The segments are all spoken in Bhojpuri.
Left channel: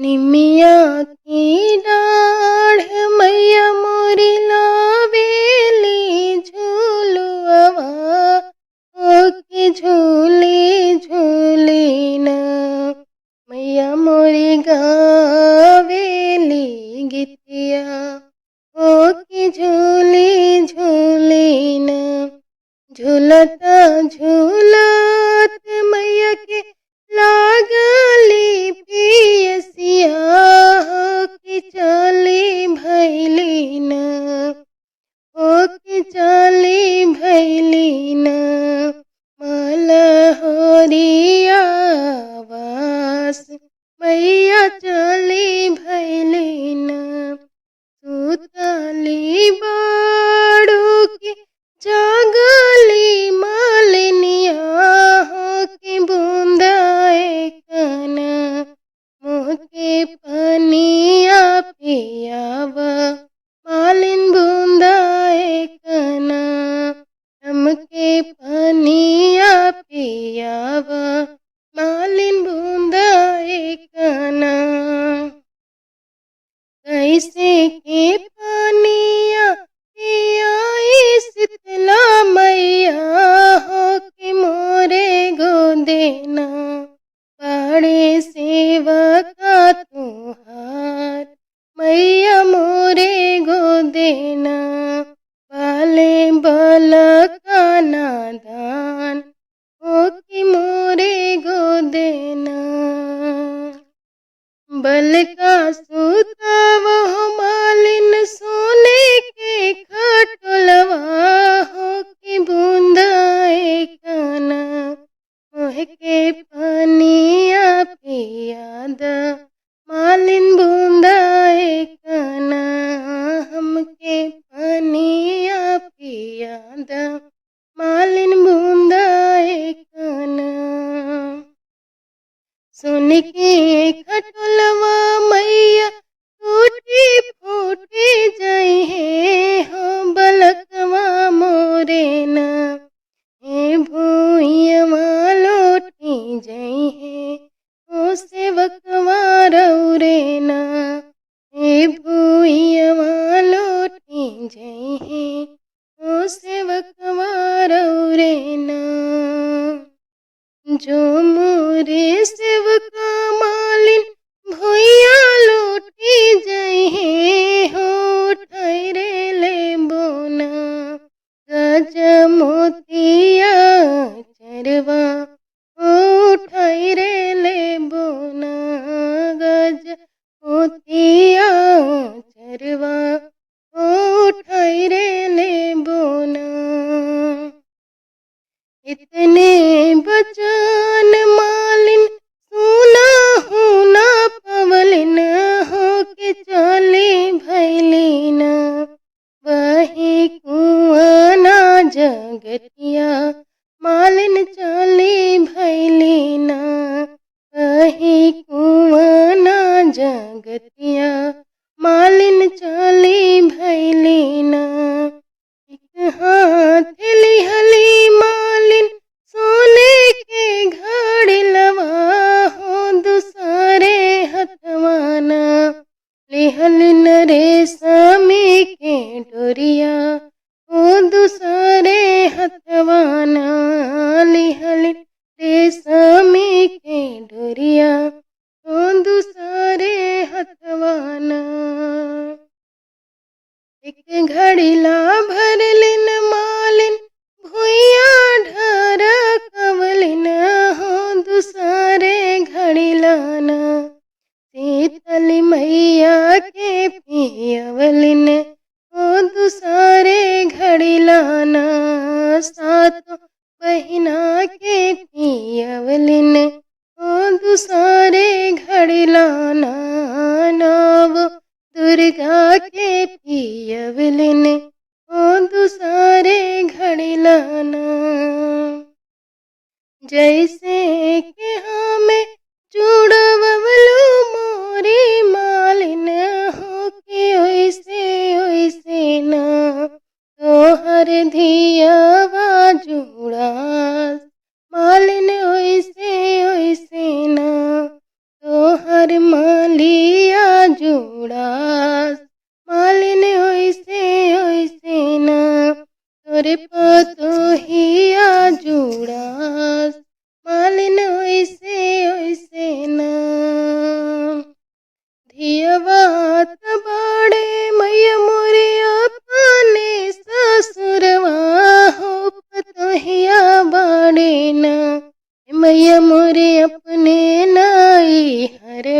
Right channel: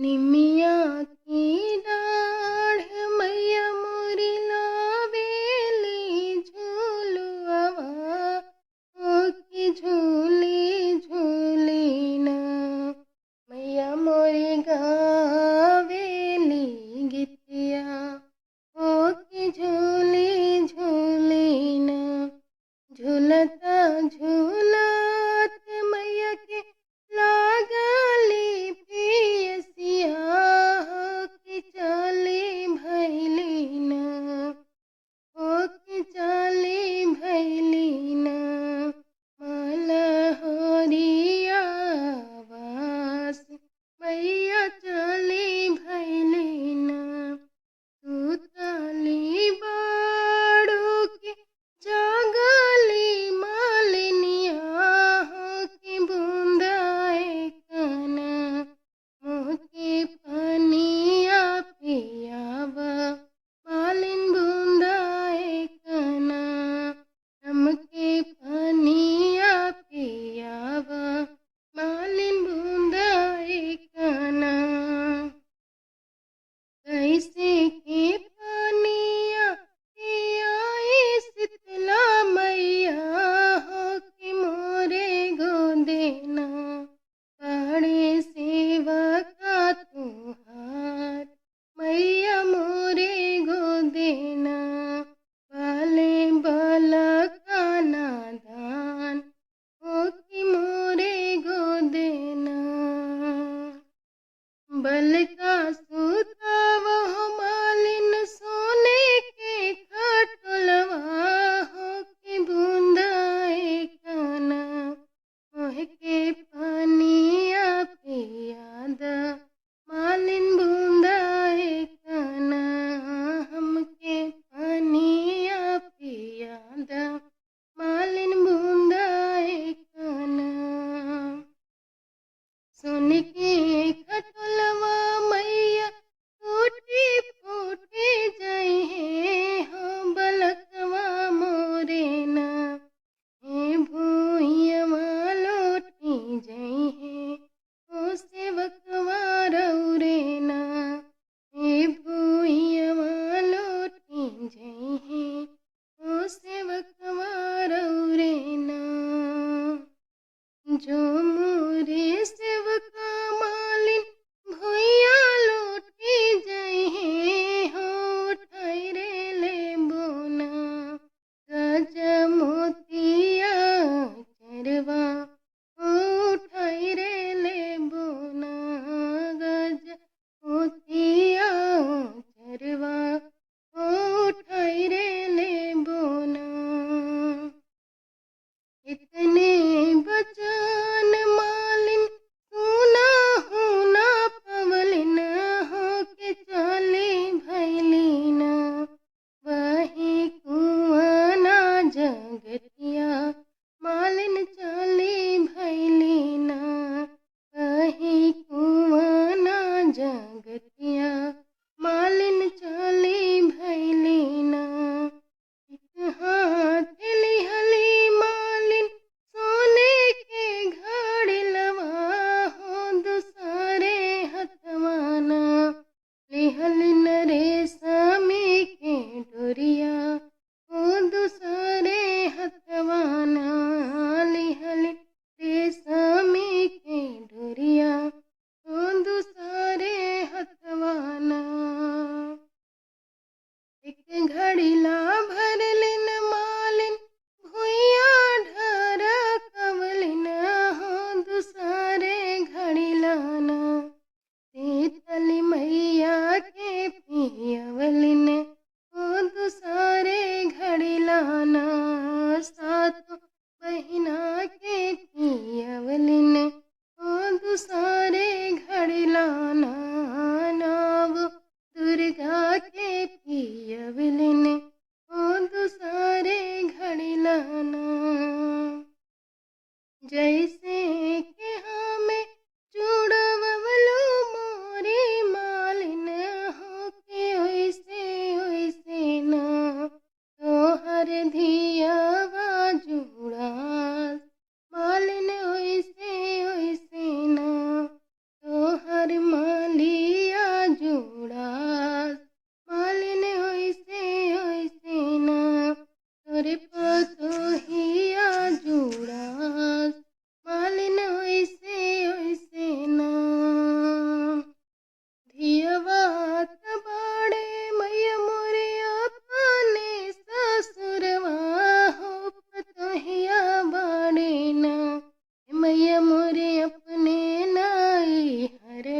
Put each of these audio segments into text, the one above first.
निमिया की डाढ़ मैया मोरी लावेली झूलुआ ओके झूली झूली ना मैया मोरी गावेली गीतिया ओके झूली झूली ना झूलता झूलत मैया के लागली पियसिया हो के चली भैली न हो के चली भैली न मलहोरिया वास मैया चली भैली न सुतली बाड़ू के जागली मालिनिया हो के बूंदाए कना मुँह के पनिया पियावा मालिन बूंदाए कना हमके पनिया पियावा मालिन बूंदाए कना कैसे के पानिया पियाई शीतला मैया हो के मोरे गोदेना बड़े सेवका तुहार मैया मोरे गोदेना पाले बल का नादान हो के मोरे गोदेना बल का सूता वह मालिन सोने के खटोलवा हो के बूंदाए काना मोह के पनिया पियाद मालिन बूंदाए काना हमके पनिया पियाद मालिन बूंदाए काना सुन के खटोलवा मैया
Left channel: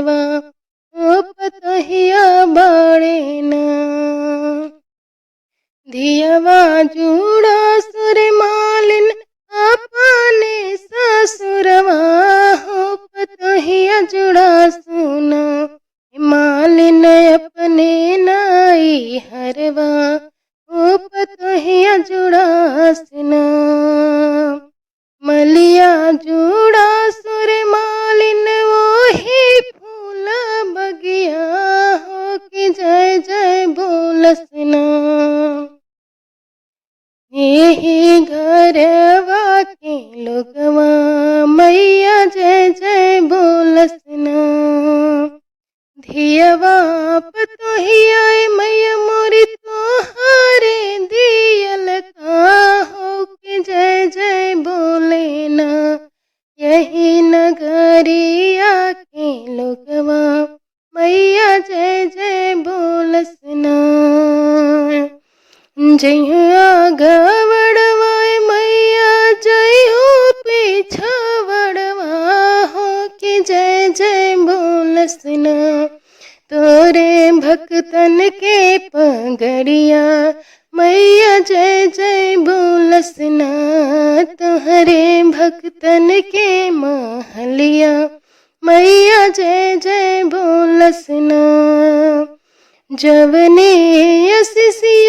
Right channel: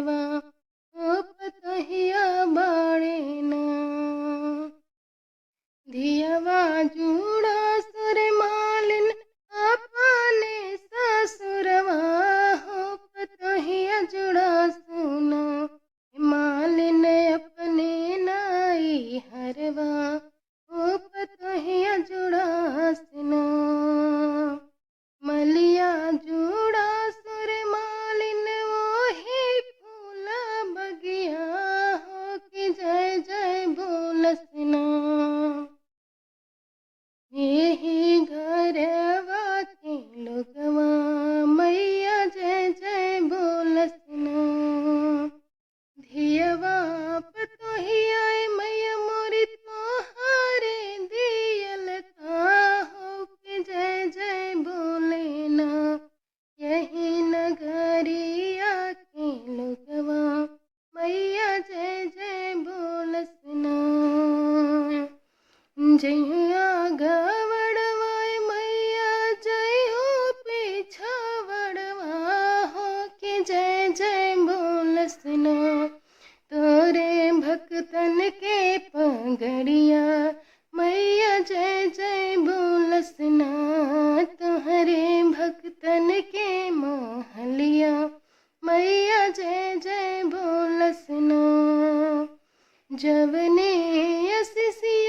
हरवा ओ पतोहिया बाड़े ना। धियवा जुड़ा सुर मालिन अपने ससुरवा हो पतोहिया जुड़ा सुना मालिन अपने नाई हरवा ओ पतोहिया जुड़ा सुना। मलिया जुड़ा सुर मालिन वही फूल बगिया हो कि जय जय बोलसना। यही घरवा के लोगवा मैया जय जय बोलसना। धियवा पतोहिया मैया मोरी तोहारे दियल का हो कि जय जय बोले ना। यही नगरिया के लोगवा मैया जय जय बोलसना। जय गवड़वा मैया जय हो पीछवड़वा हो कि जय जय बोलसना। तोरे भक्तन के पगड़िया मैया जय जय बोलसना। तोहरे भक्तन के महलिया मैया जय जय बोलसना। जवने यसिसी